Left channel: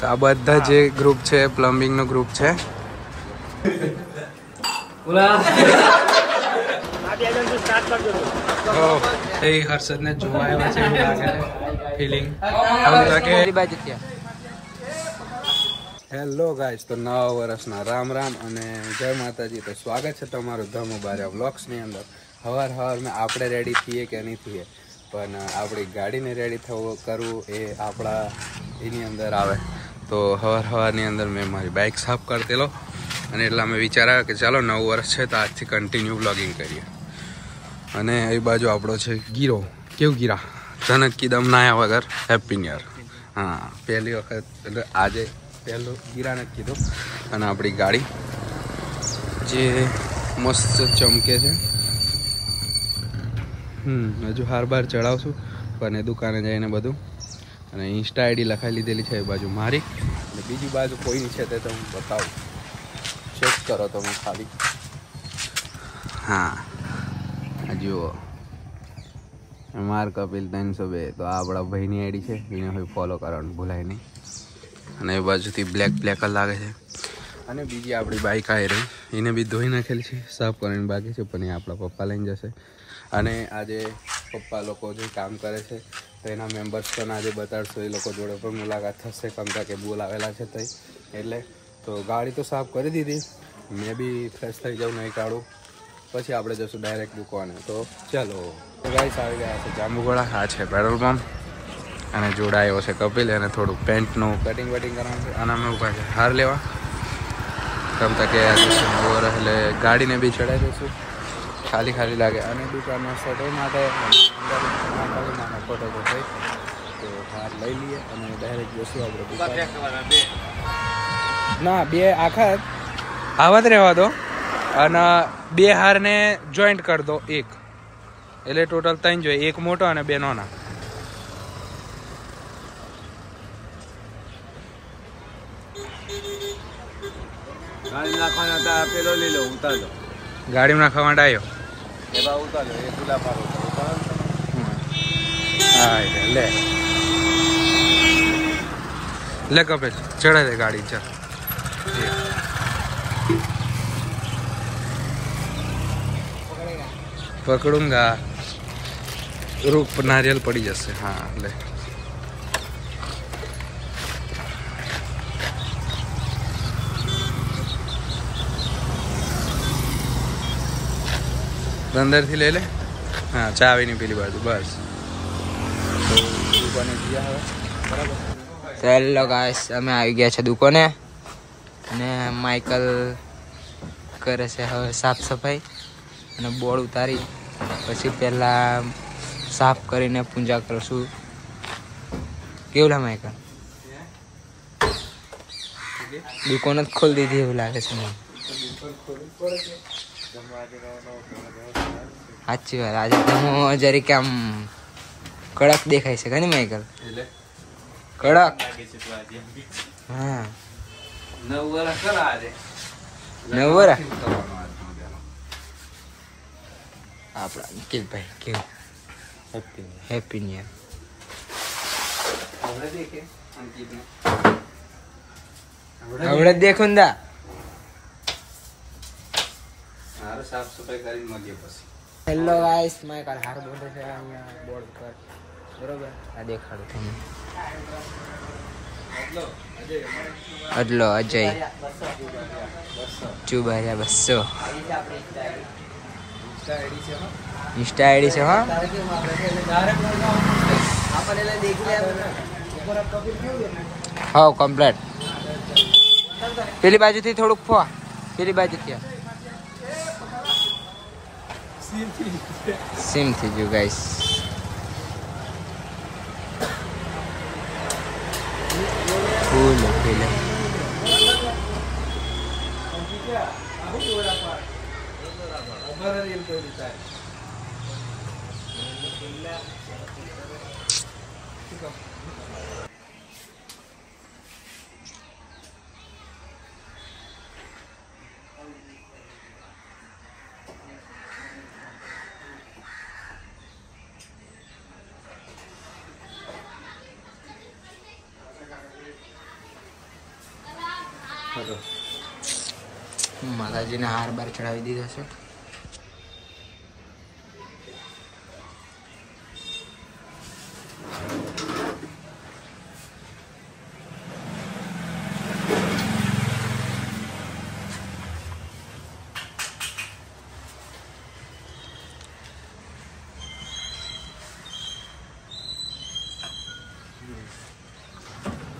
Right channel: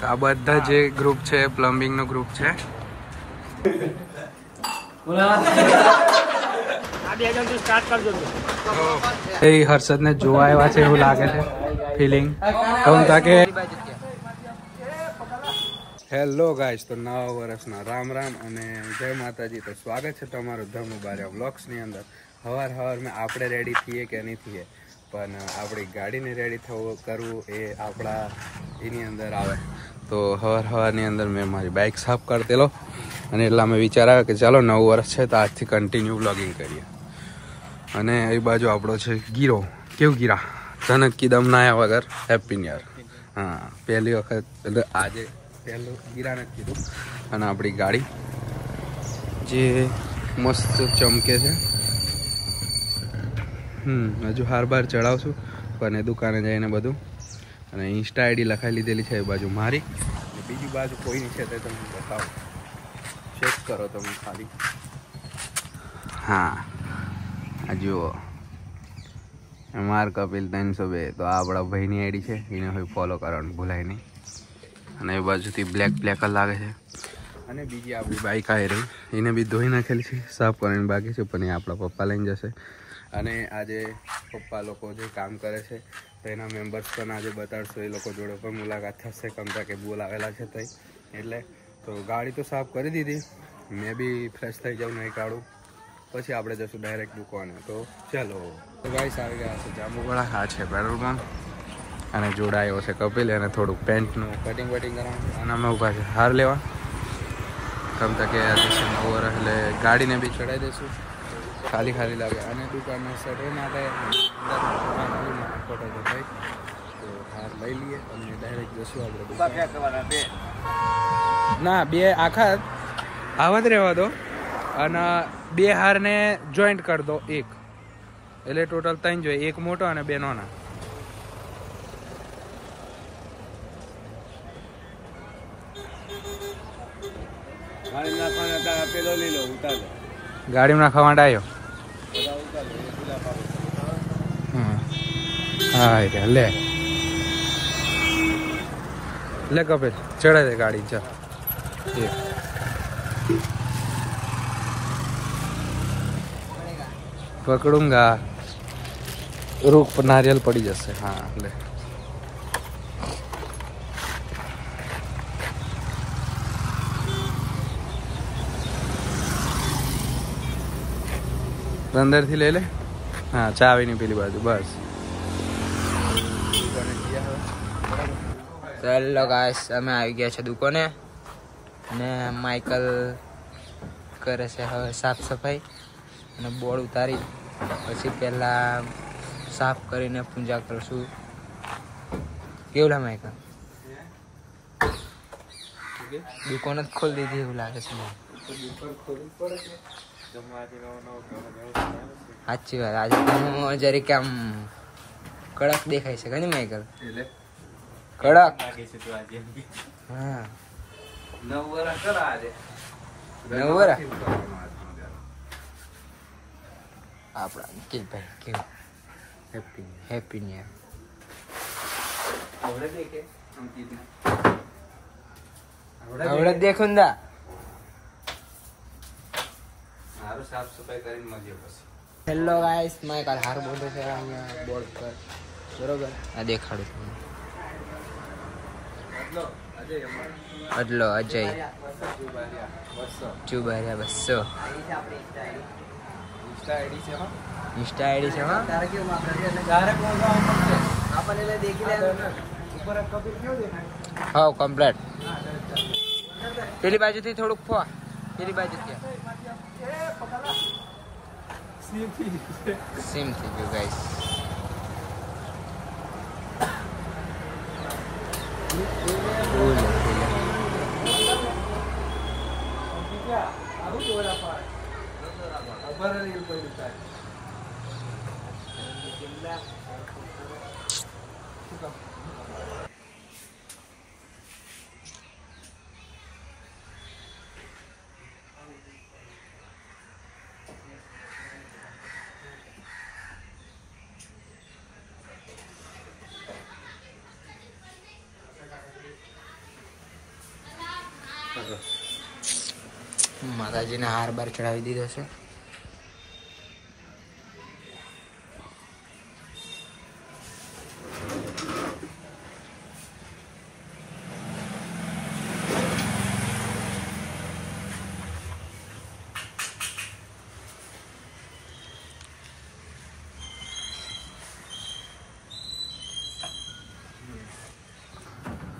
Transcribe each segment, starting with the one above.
તો આ બધા જે ગ્રુપ છે પ્લમ્બિંગ નો ગ્રુપ છે. હર્ષદ ને જોવા આવ્યા છે એવું લાગે છે. ફિલિંગ હેલો ગાઈસ, તો નવા વર્ષના રામ રામ અને જય માતાજી. તો સ્વાગત છે તમારું ધમ ઉબાર્યા વ્લોગ્સની અંદર. હવારમાં આપણે રેડી થઈએ કે નહીં થઈએ, પણ આપણી ગાડીને રેડી કરવું એ આપણા એની અંદર આવે. તો સવારની અંદર મેં મારી બાઇક સાફ કરતેલો અને એટલા મેં વિચાર આવ્યો કે ચાલો નવું વર્ષ છે તો આજથી કન્ટિન્યુ વ્લોગિંગ કરીએ. અને એ બાજુ આપણો છે ગીરો. કેવું ગીરા? જનક કીધમ નાયા વગર હેપી ન્યુ યર. હા, પહેલી વખત એટલે આજે પહેલું ગીરાને કીધું. અને આપણી ગાડી જે મસ્ત ચમકે છે. હજુ હાર બાર ચડાવશું પણ એ દુકાને જઈને બધું. અને ઇન્સ્ટા આઈડી લખાઈ લીધેલી છે એ બાજુ મારી, અને બીજી બાજુ કોઈની છે તે તો હું બતાવું. ચેક કરો તમે ખાલી. હા, આ જુઓ માર કપિલ 302. તો આ આપણા ભાઈની આઈડી છે, એને હવે ફોલો કરવાનું ભૂલાય નહીં. અને એ બાજુથી બ્લેક જ લાગે છે. અને બીજી આપણી બાઇક આવી રહી, એને બી ધોઈ નાખેલી છે, સાફ કરવાની બાકી છે, પણ એ આપણા પપ્પા લઈને જશે. અને આજે પપ્પા લોકો જે કામ કરે છે તો એના મેમ્બર્સ પણ આજે બતાડશો. એ લોકો જોડે પણ મુલાકાત થશે, કમતા કે બોલાવેલા છે તઈ. એટલે તો ગાડી તો સાફ કરી દીધી, મેં બી ફ્રેશ થઈ જાઉં, નહીં કાઢું, પછી આપણે જશું ડાયરેક્ટ દુકાને. તો ચાલો ગાઈસ, આવી ગયા છે જાંબુગોળા. આ છે પેટ્રોલ પંપ અને જોડાયો છે કપિલ. અને થોડુંક પેન્ટનું કટિંગ વટિંગ કરવાનું છે. અને અમે ઊભા છે હાર લેવા, કમતા કે આજે છે નવું વર્ષ એટલે ગાડીને બી ચડાવી દઈશું. ખાલી લાગે. અને દુકાનના સેટલ માટે ખાલી નાના ફોટો તો થઈ. તો હાર લઈ લઈએ અને ડાયરેક્ટ જશું આપણે દુકાન. ના, બે આખા આવા જ રહેવા દો અને બે હારને જોઈન્ટ કરી દો એક, એટલે ટોટલ 3 જોઈએ. એક મોટો અને 2 નાના. ગાડીમાં નાખવા માટે આવ્યો. લે કપિલ, ચડાઈ દે ગાડી. ચાલ પકડુંગા. રૂખ પર નારિયેલ પડી જશે. હા, લે. અંદરથી લઈ લે. હા, ચાવીની પેલી બાજુ. બસ દુકાને ગયા હવે. બરાબર. હેલો ગાઈસ, અમે આવી ગયા છે દુકાને અને માઇકલ કરે છે હવે સાફ સફાઈ. અને બોર્ડ ઉતારી પછી પહેલાં સાફ કરીને પૂજા કરશું. કેવું લા માઇકલ? દુકાન જ ખોલી દીધી એવું લાગે છે મને. સાચી વાત, આજે તો હું જરીક આમ કડક દેખાય છે કે નહીં માઇકલ? કડક. હા, 9 વર્ષ કરા આજે. 9 વર્ષ આપણા નિખિલભાઈ. કેવું હેપી ન્યુ યર. આવડે દેખું દા. સાફ સફાઈ કરીને મળીએ પછી. હેલો ગાઈસ, માઇકલ હાર બોલે છે અહીંયા બોર્ડ પર. બરોબર, આ દેખાડું તમને. અદલો અજય ચુબારિયા 200 ઇન્સ્ટા આઈડી છે. હા, કમ્પ્લેટ. પેલી બાજુથી થોડુંક ફો, પેલી બાજુથી સીમ થઈ ગયું ગાઈસ. ફૂલ ફિલ્મ. માતાજીને હાર બાર ચડાવી દીધો છે.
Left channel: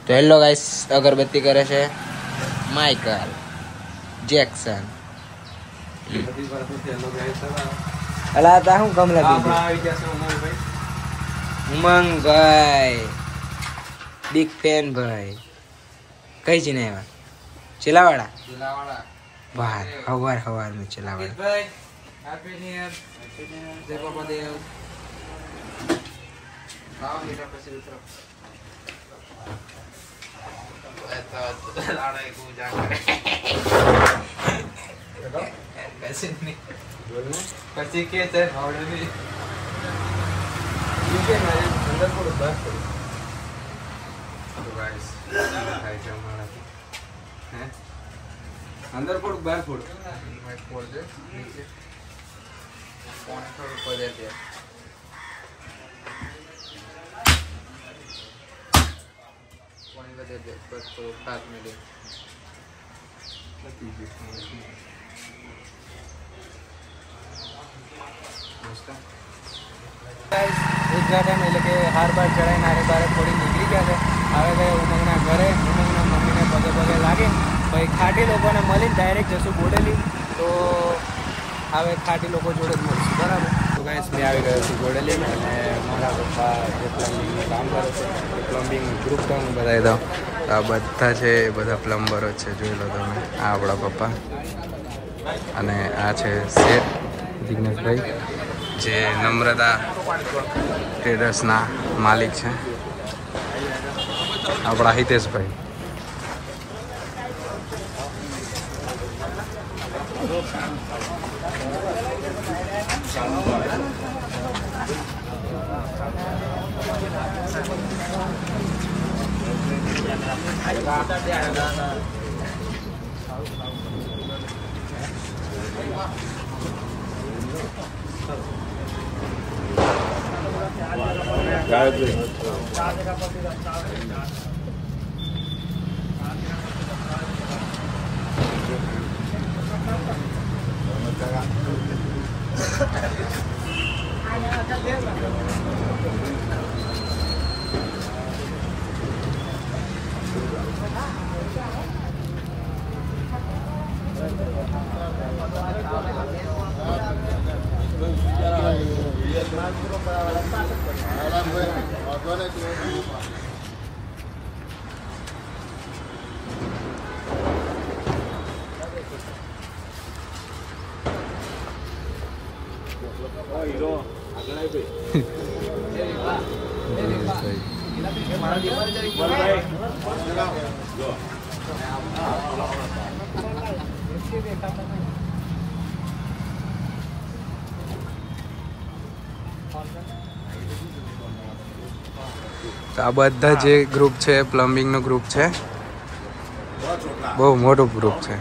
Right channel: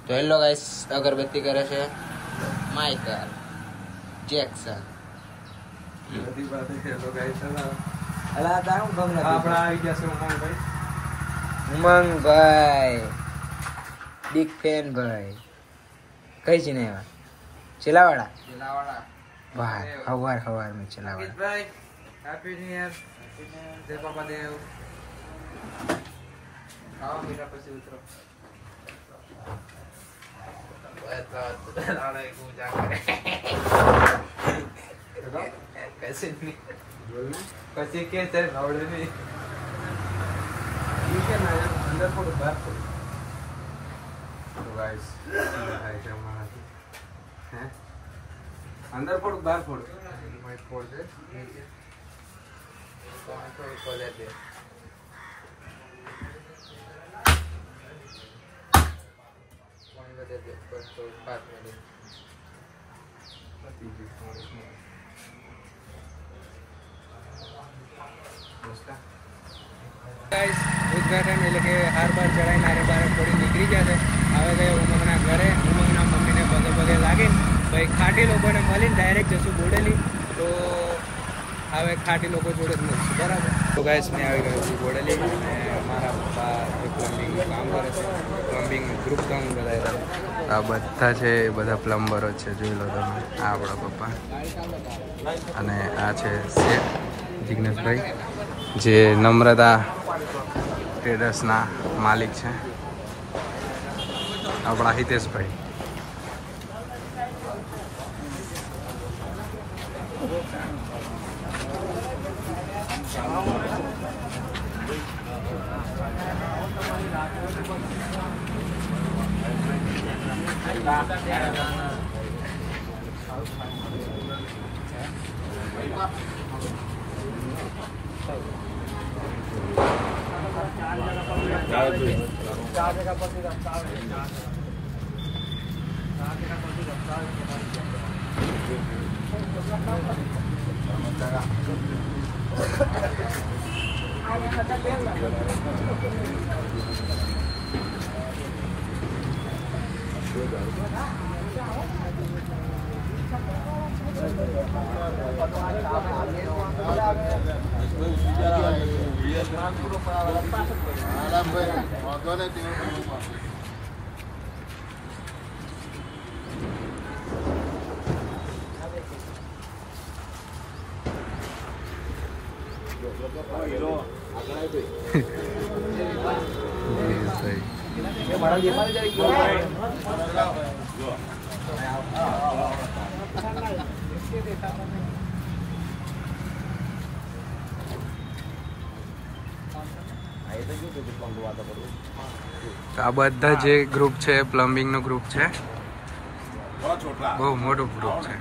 તો હેલો ગાઈસ, અગરબત્તી કરે છે માઇકલ જેક્સન. અલા તા હું કમ લાગી ઉમંગ ભાઈ, બિગ ફેન ભાઈ. કઈ છે ને એવા ચેલાવાળા બહાર હવાર મેં ચેલાવાળા. હેપી ન્યુ યર, જય બાબા દેવ. પછી કે છે અંદર થોડું બહાર પડ્યું થાય છે અમારાથી. હે અંદર થોડુંક બહાર ફોડશે નીચે થોડુંક વધારે. ઉદઘાટન એટલે કે હાર બાર ચડાવીને હારે બારે થોડી નીકળી ગયા છે. હવે ગયા ઉમંગના ઘરે, ઉમંગના મમ્મીને પગે પગે લાગીને ભાઈ ખાટી લોકોને મળીને ડાયરેક્ટ જશું બોડેલી. તો હવે ખાટી લોકો જોડે જ મળશું, બરાબર. તો ગાઈસ મેં આવી ગયો છું બોડેલી અને મારા પપ્પા જે પ્લમ્બિંગનું કામ કરે છે એ પ્લમ્બિંગનું ગ્રુપ તો હું બતાવી દઉં. આ બધા છે એ બધા પ્લમ્બરો જ છે, જોઈ લો તમે. આ આપણા પપ્પા અને આ છે શેઠ જિગ્નેશભાઈ જે નમ્રતા ટ્રેડર્સના માલિક છે, આપણા હિતેશભાઈ. તો આ બધા જે ગ્રુપ છે પ્લમ્બિંગ નો ગ્રુપ છે, બહુ મોટું ગ્રુપ છે.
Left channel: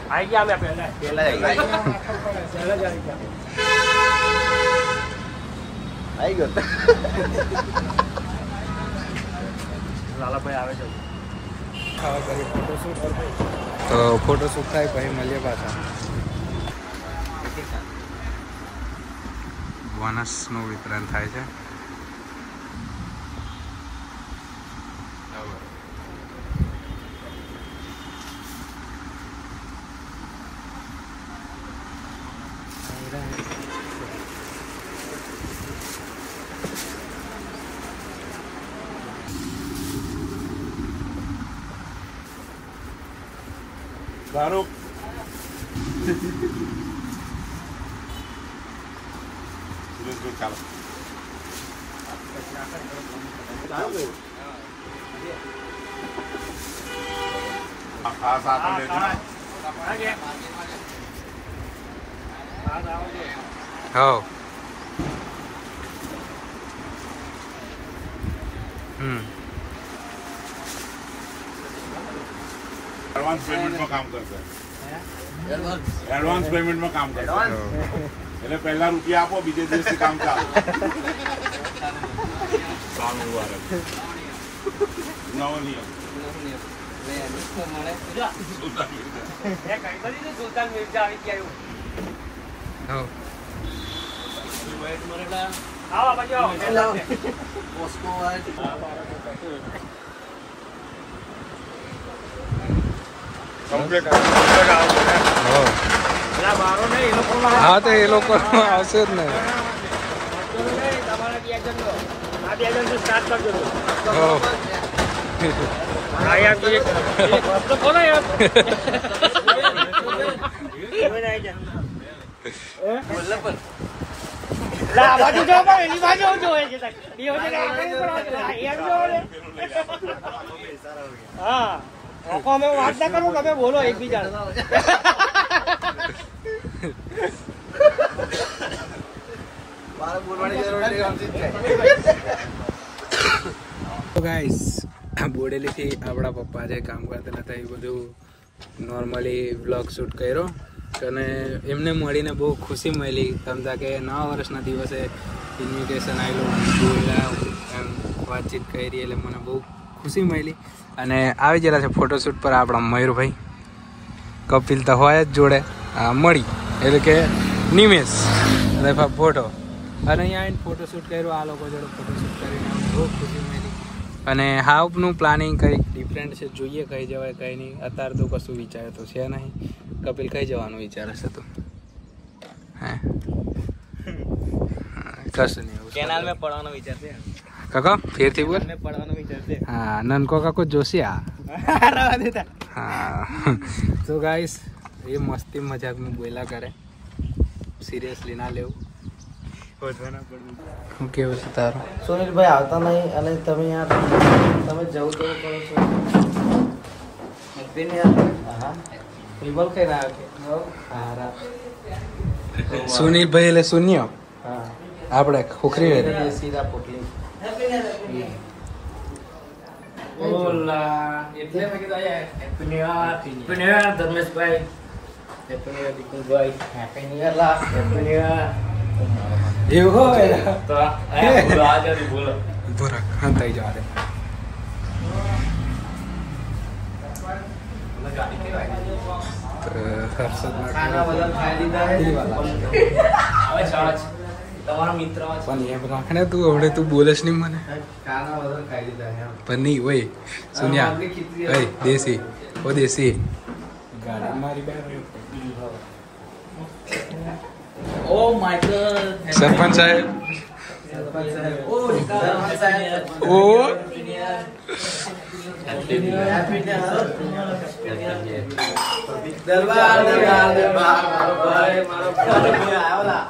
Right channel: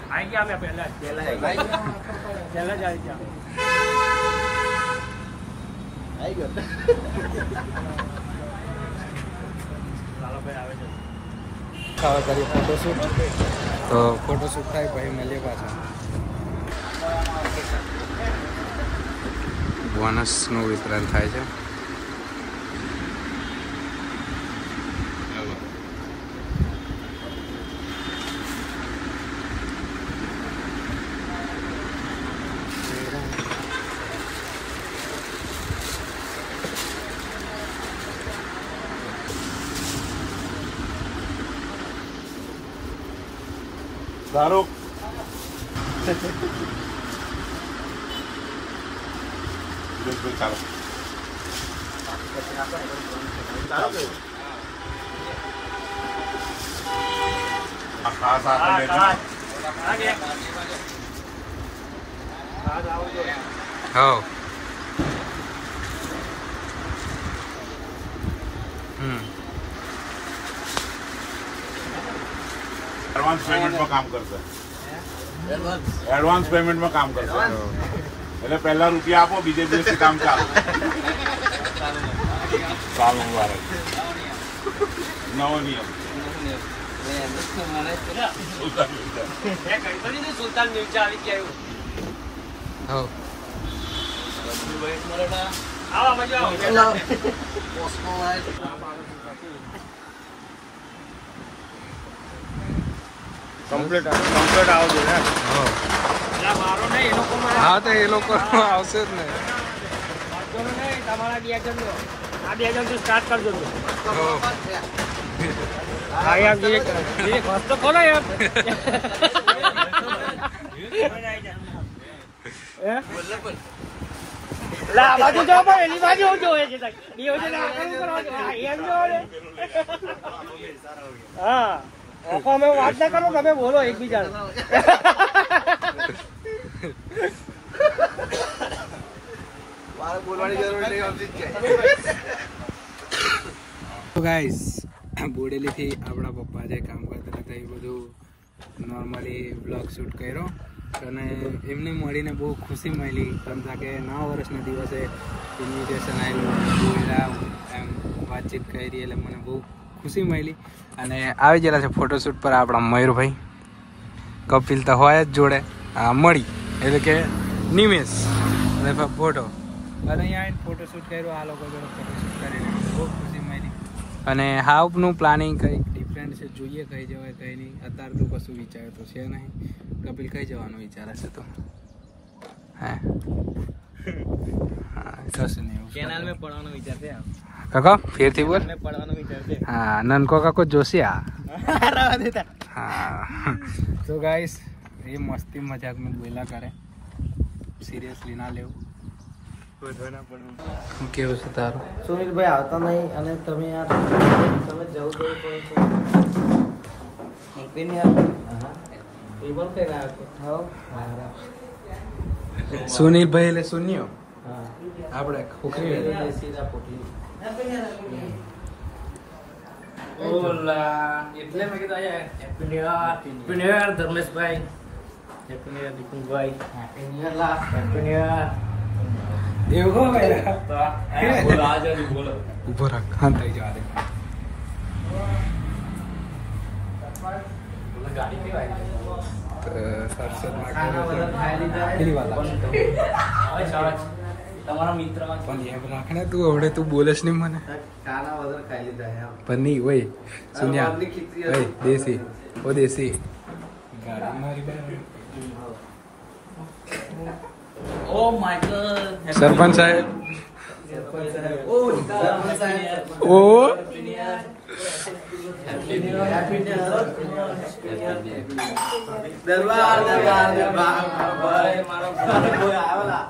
ખાવા કરીએ ફોટોશૂટ, તો ફોટોશૂટ થાય પછી મળીએ પાછા. બોનસનું વિતરણ થાય છે. શાહરુખ હા एडवांस पेमेंट में काम करता है, एडवांस पेमेंट में काम करता है એટલે પહેલા રૂપિયા આપો બીજે દિવસે કામ ચાલુ મુબારક નવો નિયમ હા તો એ લોકો આવશે જ ને બોલો એકબીજા ગાઈસ બોડેલીથી આપણા પપ્પા જે કામ કરતા હતા એ બધું નોર્મલી વ્લોગ શૂટ કર્યો અને એમને મળીને બહુ ખુશી મળી સમજા કે નવા વર્ષના દિવસે ઇન્વિટેશન આવેલું બોલા એમ વાતચીત કરી એટલે મને બહુ ખુશી મળી અને આવી ગયેલા છે ફોટોશૂટ પર આપણા મયુરભાઈ કપિલ તો હોય જ જોડે મળી એટલે કે નિમેશ અને ફોટો અને અહીંયા આવીને ફોટોશૂટ કર્યું આ લોકો જોડે ફોટોશૂટ કરીને બહુ ખુશી મળી અને હાઉપનું પ્લાનિંગ કંઈક ડિફરન્ટ છે જોઈએ કઈ જવાય કંઈ નહીં અત્યારે તો કશું વિચારે તો છે નહીં કપિલ કઈ જવાનું વિચારે છે તો હા કશું નહીં કેનાલ में पढ़ाना विचार से કાકા ફેરથી બોલ में पढ़ाना विचार से હા નનકો કાકો જોશી આ रवा देता હા તો ગાઈસ એ મસ્તી મજાકમાં બોલા કરે સિરિયસલી ના લેવું શું કેવું છે તારું સુનિલભાઈ આવતા નહીં અને તમે યાર તમે જવું તો વિમલ કઈ ના આવે સુનિલભાઈ એટલે શૂન્ય હા આપણે ખોખરી સીધા પોટલી એટલે મેં કીધું હેપી ન્યુ યર ધર્મેશભાઈ, હેપી ન્યુ યર દીપકભાઈ, હેપી ન્યુ યર લા હેપી ન્યુ યર. એવું હોય તો બોલો આજે બોલો. ઉભો રાખ હા થઈ જવા દે ગાડી કેવાય તો હર્ષદ ના ખાના બધા ખાઈ લીધા હે વાલા આવે છે આવે છે. તમારો મિત્ર આવે છે. પણ યાદ રાખને તું હવડે તું બોલેશ નહીં મને ખાના બધા ખાઈ લીધા હે પણ નહીં હોય સુન્યા એ દેશી ઓ દેશી ગાડી મારી બહાર ઓ માઈકલ સરપંચ સાહેબ સરપંચ સાહેબ ઓ સરપંચ સાહેબ ઓ હેપી ન્યુ યર દરબાર ભાઈ મારો ભાઈ આવેલા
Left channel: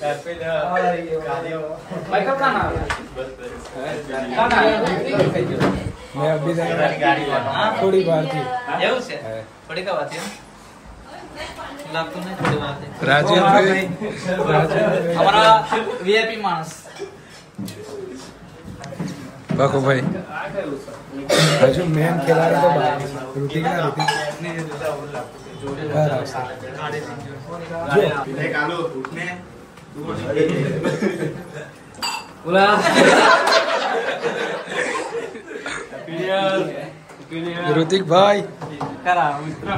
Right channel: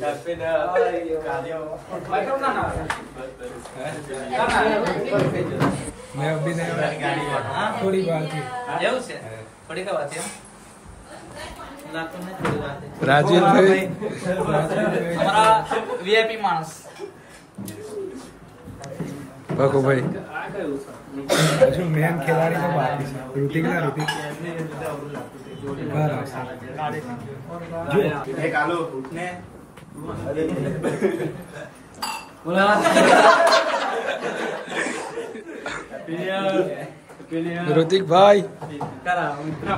હેપી ન્યુ યર માઈકલ કાના આવે मैं अभी थोड़ी बार थी એવું છે થોડી કા વાત છે લાગતું ને થોડી વાત છે राजेश भाई हमारा वीआईपी मानस बाको भाई हजू मेन खिलाड़ी तो बाकी है ऋतिक ना ऋतिक घर आवશે જો એ કાલો ने बोला ऋतिक भाई करा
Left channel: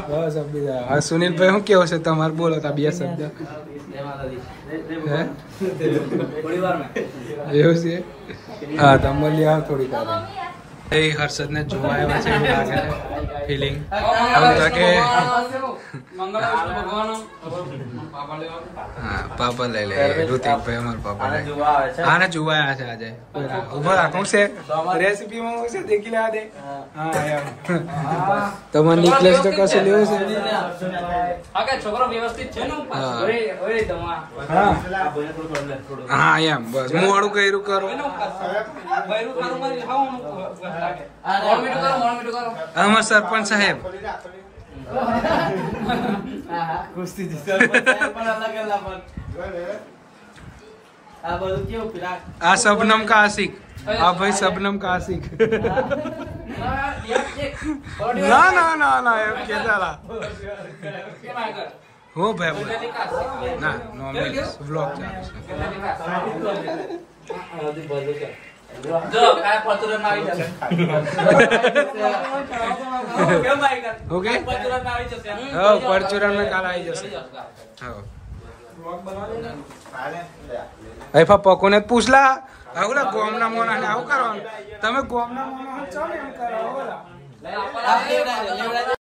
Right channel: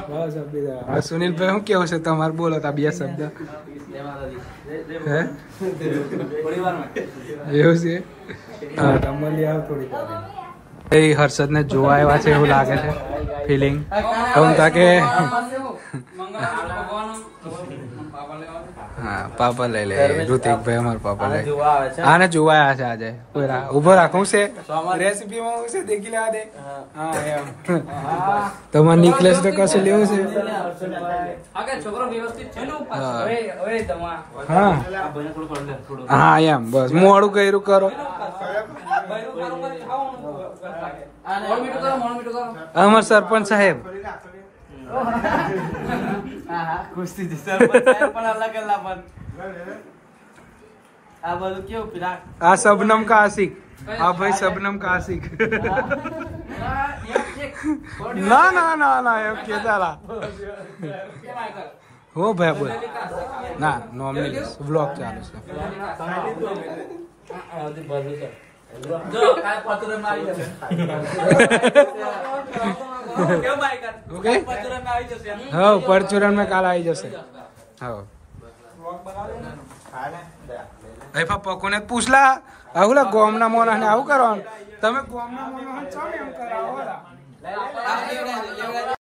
બસ અભી હા સુનિલ ભાઈ હું કેવો છે તમારે બોલો તા બે શબ્દ હે थोड़ी बार में એવું છે હા તમે લઈ આવો થોડી વાર એ હર્ષદ ને જોવા આવ્યા છે એવું લાગે છે ફિલિંગ એવું તા કે હા પાપા લઈ લે ઋતિક ભાઈ અમારા પાપા લે આને જોવા આવ્યા છે આજે ઉભો રાખું છે રેસીપી માં હું છે દેખી લેવા દે હા એમ તમે નીકળેશ કે કશું લેવું છે ઓકે છોકરો વ્યવસ્થિત છે ને હા. હવે તમા હા આ ભાઈને થોડું કરી લે થોડું હા એમ બસ મોડું કર્યું કરો બૈરું કરું મને ખાવાનું લાગે મોણ મીઠું કરો અમાર સરપંચ સાહેબ ખુશી થી સરપંચ સાહેબ પણ અલગ અલગ પણ આ બધું કેવું પેલા આ શબનમ કા આશિક આ ભાઈ શબનમ કા આશિક ના ના ના ના એમ કેતા હો ભાઈ બોલ ના નોમિની વ્લોગ ચાલે છે ઓકે હા પરચુરન કાલ આવી જશે હા ऐफा पको ने पूछला आगुला गोमना मोना ने आउ करવાનું તમે ગોમના મોના ચમ એમ કરાવો